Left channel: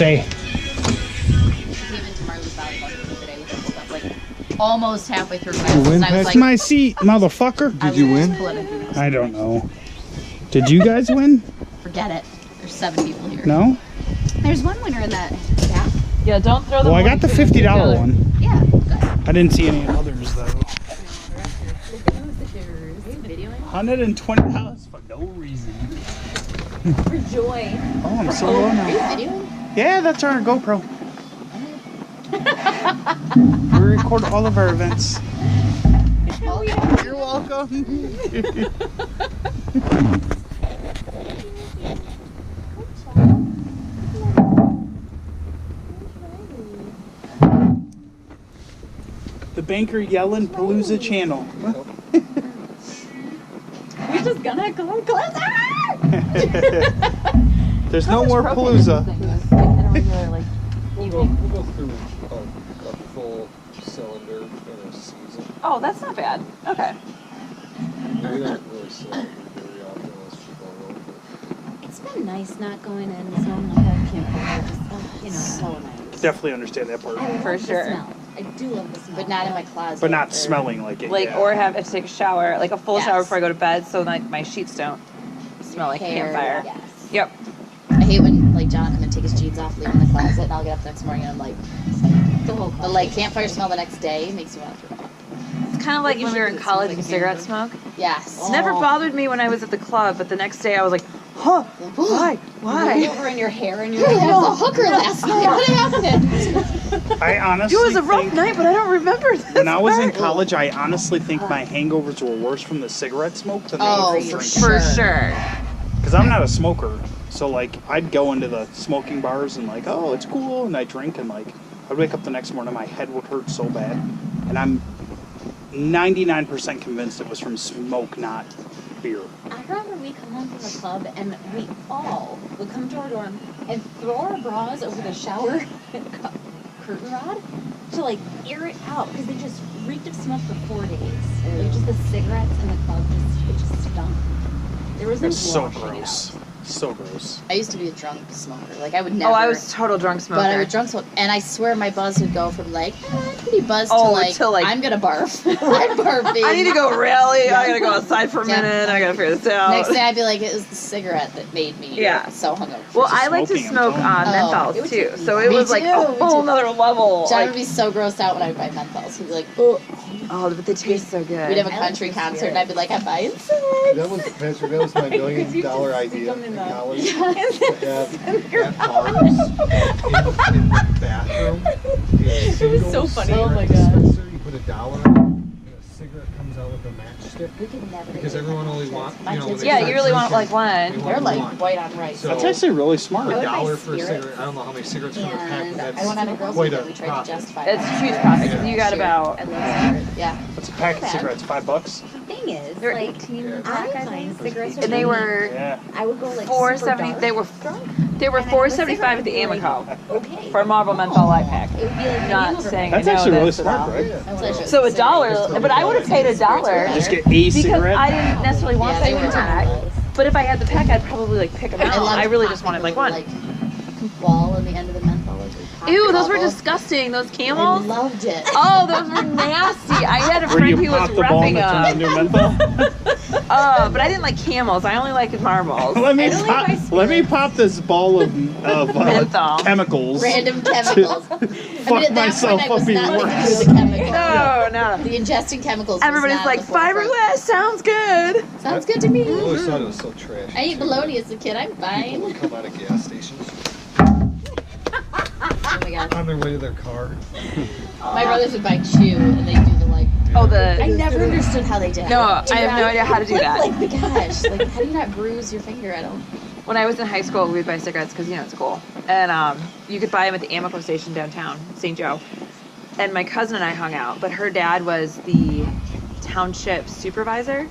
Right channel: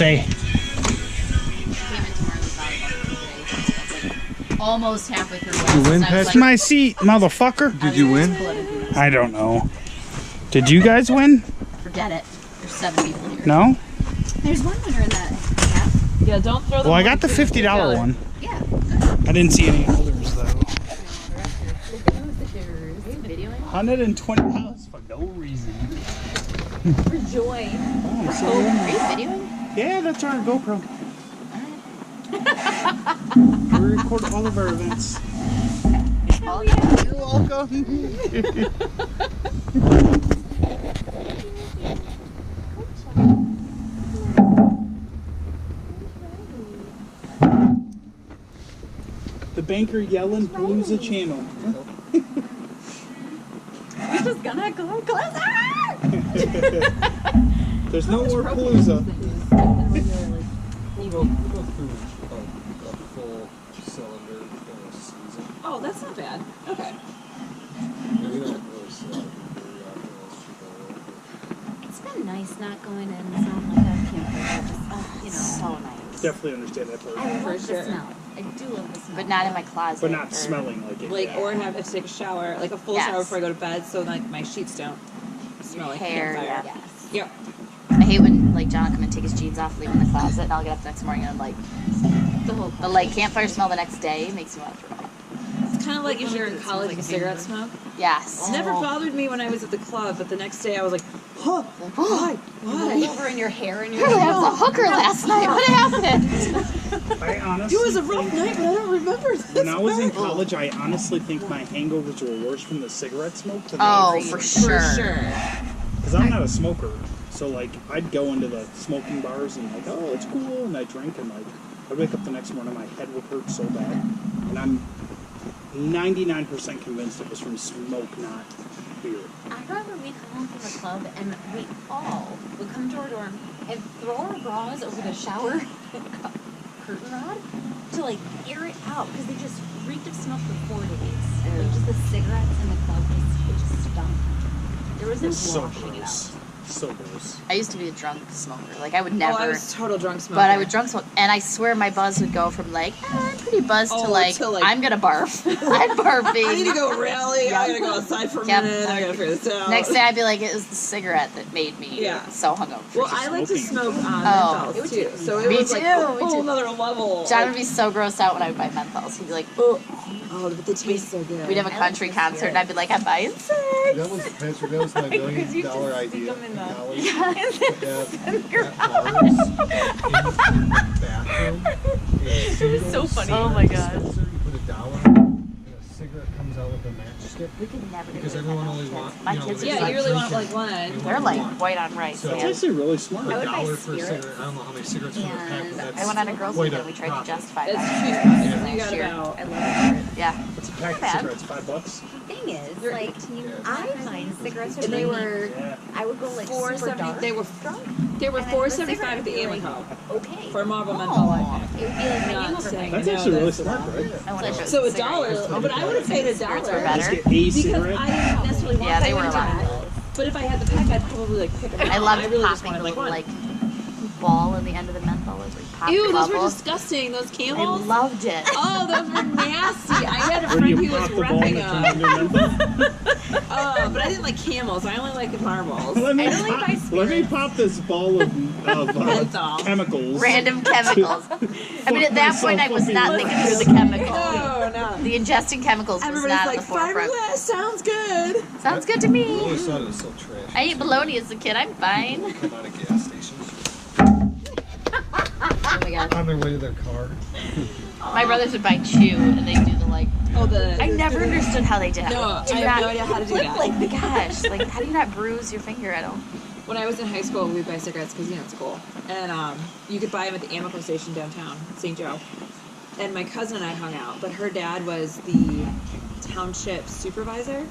stay. Came into Marley's volleyball today. That's like almost halfway through. You win, That's Patrick? my seat, motherfucker. Did you win? I don't know. Did you guys win? Forget it. There's 7 people here. No? There's one winner in that. Yeah, don't throw the Well, I money got the to $50 together. one. Yeah, good. I didn't see any others though. $120 for no reason. For joy. Oh, I'm so low now. Are you videoing? Yeah, that's our GoPro. We record all of our events. You're welcome. The Banker Yellands Palooza channel. We just gonna come closer. There's no more Palooza. We'll go through a full cylinder in a season. Oh, that's not bad. Okay. We don't really sell it very often as people around, but It's been nice not going in smelling like a campfire. Just, you know. So nice. Definitely understand that part. I love For the sure. smell. I do love the smell. But not in my closet. But not or- smelling like it. Like, yeah. or have to take a shower, like a full Yes. shower before I go to bed, so like my sheets don't smell like hair, campfire. Yes. Yep. I hate when like John will come and take his jeans off, leave them in the closet, and I'll get up the next morning and I'm like, The whole the like campfire smell the next day makes me want to throw up. It's kind of like if you're in college and cigarette smoke. Yes. It never bothered me when I was at the club, but the next day I was like, huh, why? Why? over in your hair and I your was a hooker last night. What happened? I honestly It was a rough think night, but I don't remember this. when I was in part. college, I honestly think my hangovers were worse from the cigarette smoke than Oh, the for drink. sure. For sure. Because I'm not a smoker, so like I'd go into the smoking bars and like, oh, it's cool, and I drink and like I'd wake up the next morning, my head would hurt so bad, and I'm 99% convinced it was from smoke, not beer. I remember we come home from the club and we all would come to our dorm and throw our bras over the shower curtain rod to like air it out because they just reeked of smoke for 4 days. Like just the cigarettes in the club, it just stunk. There was no It's so washing it gross. out. So gross. I used to be a drunk smoker. Like I would never. Oh, I was total drunk smoker. But I would drunk smoke, and I swear my buzz would go from like pretty buzzed Oh, to like I'm gonna barf. I'm barfing. I need to go rally. Yeah. I gotta go outside for a Yep. minute. I gotta figure this out. Next day I'd be like, it was the cigarette that made me Yeah. so hungover. Well, I like to smoking, I'm smoke telling on you. Oh. menthols too, so it Me was like too, a me whole too. nother level. John Like, would be so grossed out when I would buy menthols. He'd be like, oh. oh, but they taste so good. We'd have a I like country the concert, spirit. and I'd be like, I'm buying six. that was Patrick. That was my $1 million idea in college. At bars, in the bathroom. It was so funny. Oh my God. You put $1 and a cigarette comes out with a matchstick. We could never Because do everyone that. only wants, My you know, kids they are Yeah, start you really want drinking, like they one. want They're like one. white on rice. So- That's actually really smart. A would buy dollar for a spirits. cigarette. I don't know how many cigarettes come in a pack, but And that's I went on a girls' quite weekend. a We tried to profit. justify It's that. huge profit because Yeah. you got about I love spirits. Yeah. What's a pack of bad. cigarettes? $5? The thing is, They're like, 18 Yeah. I find cigarettes are and they really- were Yeah. I would go like $4.70. super dark They were drunk. they were And I have a $4.75 at the cigarette Amico Okay. for a Marble menthol light pack. It would be like my Not neighbor saying That's I know actually really this at smart, all. right? I want to So $1, but I would have paid $1 Better. Just get a because cigarette. I didn't necessarily want Yeah, the they were pack. around. But if I had the pack, I'd probably like pick them out. I love. I really just wanted like one. Like ball in the end of the menthol. Like, we popped Ew, a those were couple. disgusting. Those I camels. loved it. Oh, those were nasty. I had a Where do friend you who was pop the ball roughing and it turns them. into menthol? Oh, but I didn't like camels. I only liked marbles. let me I don't like my pop, let me pop this ball of Menthol. chemicals. Random chemicals. I mean, at that point, I was not myself up thinking through the chemicals. No. The ingesting chemicals. Everybody's was not like, at the forefront. fiberglass sounds good. Sounds good to I me. always thought it was so trash. I ate bologna as a kid. I'm People fine. would come out of gas stations Oh my god. on their way to their car. My brothers would buy chew, and they do the like. Oh, the. I never understood how they did it. No, I have no idea how to do that. Like, gosh, like, how do you not bruise your finger at all? When I was in high school, we'd buy cigarettes because, you know, it's cool. And you could buy them at the Amico station downtown, St. Joe. And my cousin and I hung out, but her dad was the township supervisor.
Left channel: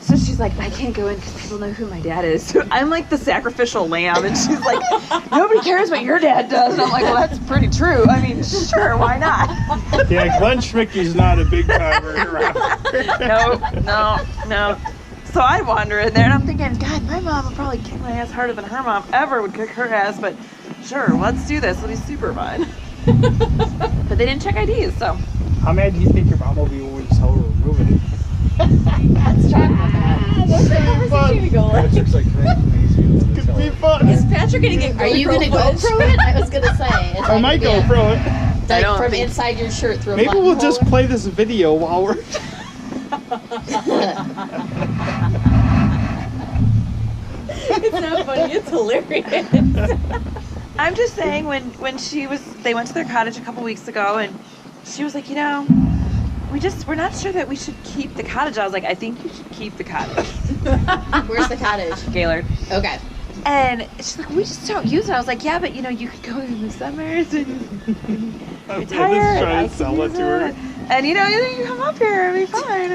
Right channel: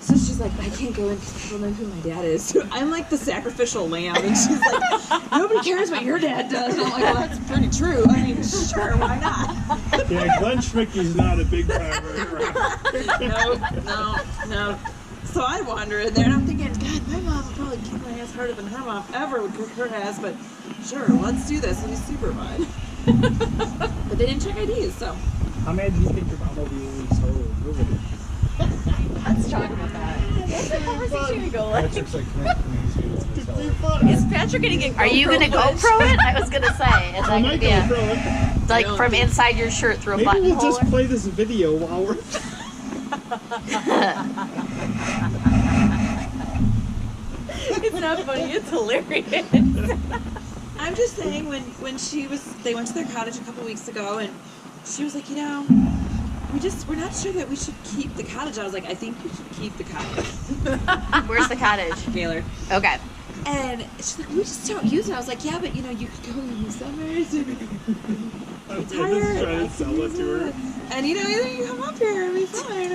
So she's like, I can't go in because people know who my dad is. So I'm like the sacrificial lamb, and she's like, nobody cares what your dad does. And I'm like, well, that's pretty true. I mean, sure, why not? Yeah, Glenn Schmicky's not a big time around. No. So I wander in there, and I'm thinking, God, my mom would probably kick my ass harder than her mom ever would kick her ass, but sure, let's do this. It'll be super fun. But they didn't check IDs, so. How mad do you think your mom will be when we tell her we're moving? Let's talk about that. That's the conversation going. Patrick's like, can I please be the one to tell her? fun. Is Patrick gonna get Are you gonna GoPro GoPro it? I was gonna say. Is I that might gonna be go pro it. like don't from think- inside your shirt through a Maybe button we'll just holder? play this video while we're. It's not funny. It's hilarious. I'm just saying when they went to their cottage a couple weeks ago and she was like, we're not sure that we should keep the cottage. I was like, I think you should keep the cottage. Where's the cottage? Gaylord. Okay. And she's like, we just don't use it. I was like, yeah, but you could go in the summers and retire. And I can use it. And you come up here and be fine.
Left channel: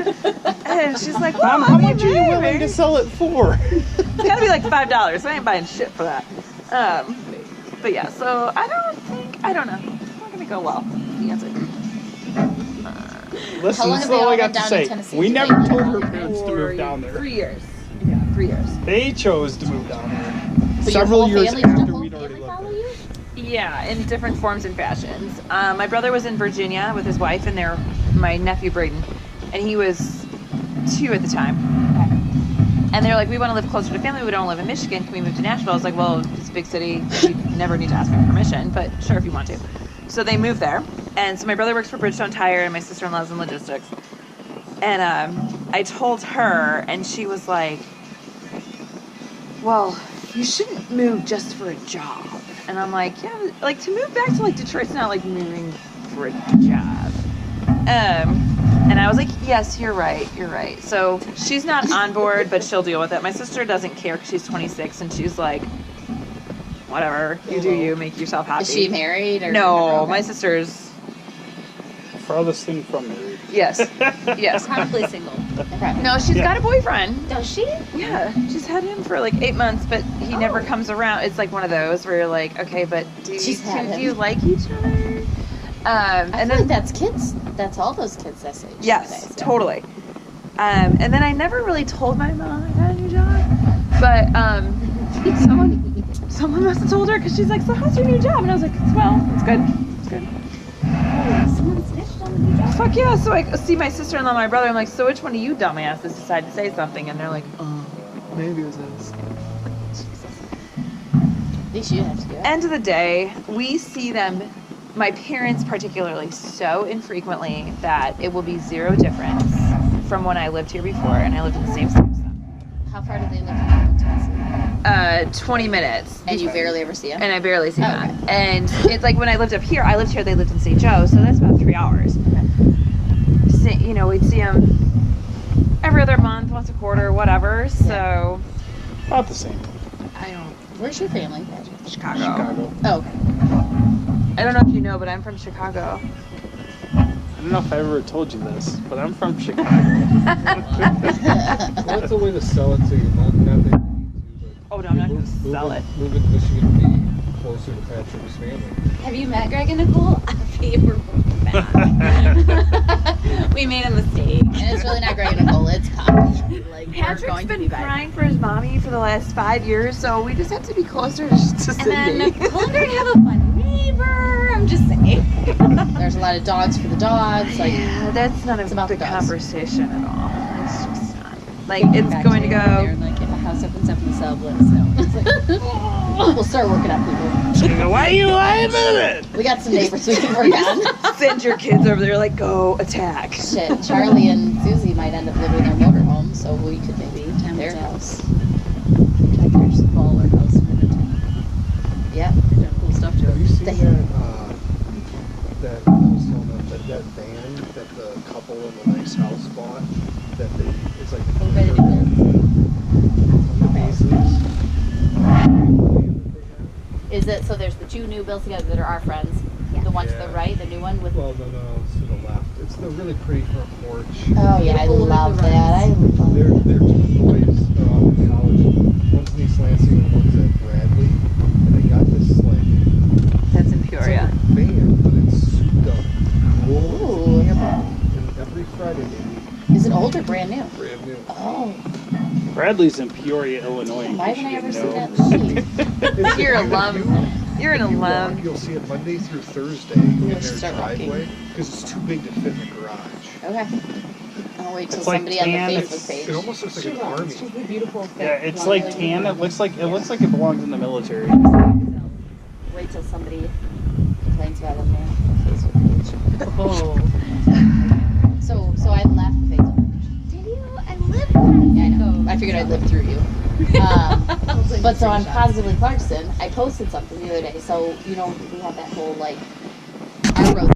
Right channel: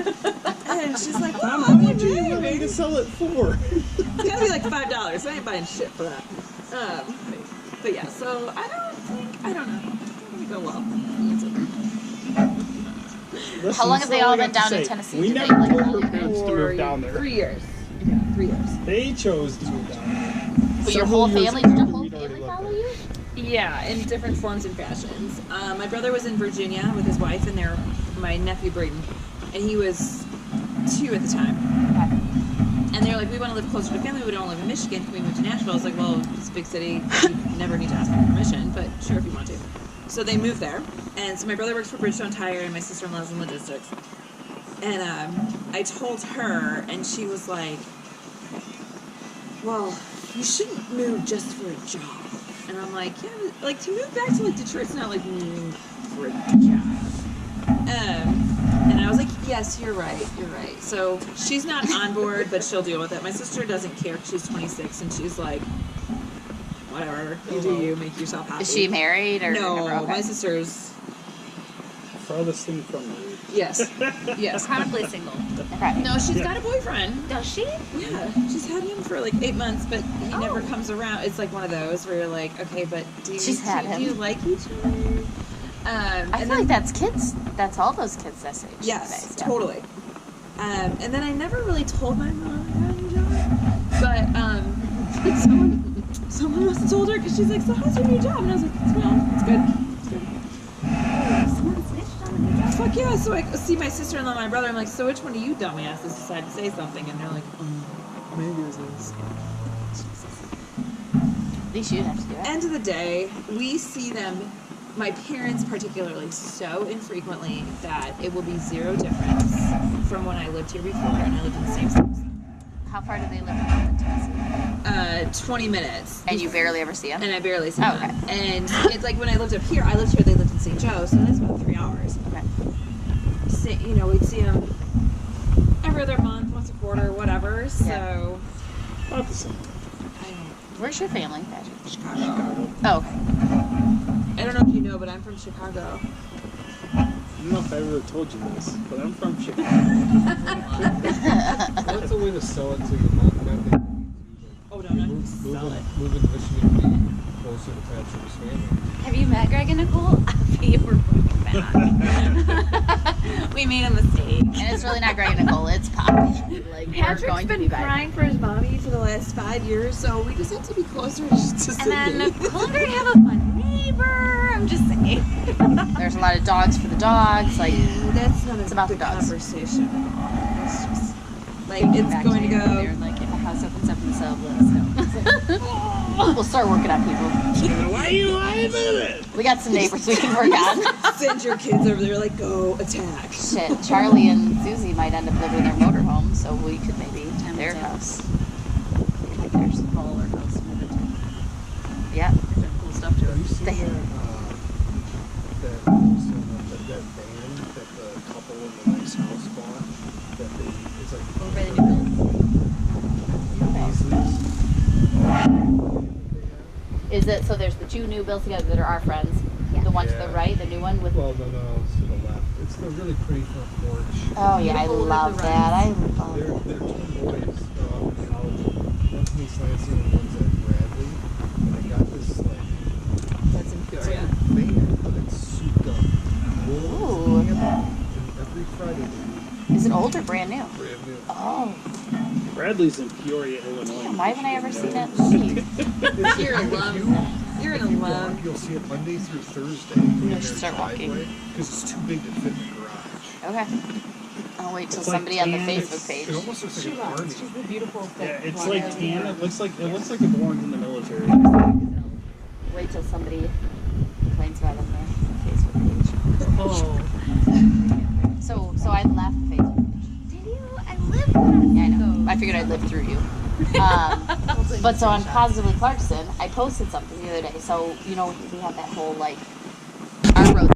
And she's like, well, Mom, how much are you willing to sell it for? It's gotta be like $5. I ain't buying shit for that. But yeah, so I don't know. It's not gonna go well. The answer. Listen, How long this have is they all I all got been to down in say. Tennessee? We Do they, never like, told all her live there? parents to move down there. 3 years. Yeah, 3 years. They chose to move down there. But your Several whole years family, did after your whole we'd already family lived follow there. you? Yeah, in different forms and fashions. My brother was in Virginia with his wife and my nephew Braden, and he was 2 at the time. Okay. And they were like, we want to live closer to family. We don't want to live in Michigan. Can we move to Nashville? I was like, well, it's a big city. You never need to ask my permission, but sure if you want to. So they moved there. And so my brother works for Bridgestone Tire and my sister-in-law's in logistics. And I told her, and she was like, well, you shouldn't move just for a job. And I'm like, yeah, like to move back to like Detroit's not like moving for a job. And I was like, yes, you're right. So she's not on board, but she'll deal with it. My sister doesn't care 'cause she's 26 and she's like, whatever, you do you, make yourself happy. Is she married or No, never? Okay. my sister's, Farthest thing from married. yes. Chronically single. Okay. No, she's got a boyfriend. Does she? Yeah, she's had him for like 8 months, but he never Oh. comes around. It's like one of those where you're like, okay, but do She's had him. you like each other? I And feel then like that's kids. That's all those kids this age. yes, nowadays, yeah. totally. And then I never really told my mom I got a new job, but someone must have told her because she's like, so how's your new job? And I was like, well, it's good. Oh, someone snitched on the new job. Fuck yeah! So I see my sister-in-law, and my brother. I'm like, so which one of you dumbasses decided to say something? And they're like, maybe it was this. At least you didn't have to do it. End of the day, we see them, my parents particularly, so infrequently that it will be zero difference from when I lived here before, and I lived in the same state. How far do they live from you in Tennessee? 20 minutes. And you barely ever see them? And I barely see Oh, them. okay. And it's like when I lived up here, they lived in St. Joe, so that's about 3 hours. Okay. We'd see them every other month, once a quarter, whatever. So About the same. I don't. Where's your family, Patrick? Chicago. Chicago. Oh, okay. I don't know if you know, but I'm from Chicago. I don't know if I ever told you this, but I'm from Chicago. Well, that's a way to sell it to your mom. Not that you need to, but Oh no, I'm not gonna sell it. Moving to Michigan to be closer to Patrick's family. Have you met Greg and Nicole? We were moving back. We made a mistake. And it's really not Greg and Nicole, it's Poppy. Like, we're Patrick's going to been be back. crying for his mommy for the last 5 years, so we just have to be closer to Cindy. And then Nicole and Greg have a fun neighbor. I'm just saying. There's a lot of dogs for the dogs. Like, yeah, that's not it's about a the dogs. conversation at all. It's just not. they Like, came it's back going to today, go. They're like, if a house opens up in the sub, let us know. It's like, we'll start working on people. Why are you lying at it? We got some neighbors we can work on. Send your kids over there, like, go attack. Shit, Charlie and Susie might end up living in their motorhome, so we could maybe their house. Like their smaller house to move into. Yeah, there's some cool stuff to Have you it. seen They- that I was telling them that van that the couple in the nice house bought? That it's like Over by the new build. the Beasleys. The van that they have. Is it, so there's the two new builds together that are our friends. The one to the Yeah. right, the new one with. Well, no, it's to the left. It's the really pretty front porch. Oh yeah, I Beautiful with love the that. I rides. love They're it. two boys. They're off in college. One's in East Lansing and one's at Bradley. And they got this like That's in it's Peoria. like a van, but it's souped up. Ooh. It's camping. And every Friday they leave Is it old or brand new? brand new. Oh, Bradley's in Peoria, Illinois. why haven't I ever seen that movie? It's You're a if love. you You're in If a you walk, limb. you'll see it Monday through Thursday in their just start walking. driveway because it's too big to fit in the garage. Okay. I'll wait till It's like somebody on the tan, Facebook page. It almost looks like an army. She's the beautiful Yeah, fit. it's blonde like lady. tan. It looks like it belongs in the military. Wait till somebody complains about it on the Facebook page. Oh. So I left Facebook. Did you? I live for that. Yeah, I know. Psycho. I figured I'd live through you. But so on Positively Clarkson, I posted something the other day. So, you know, we have that whole, like, our road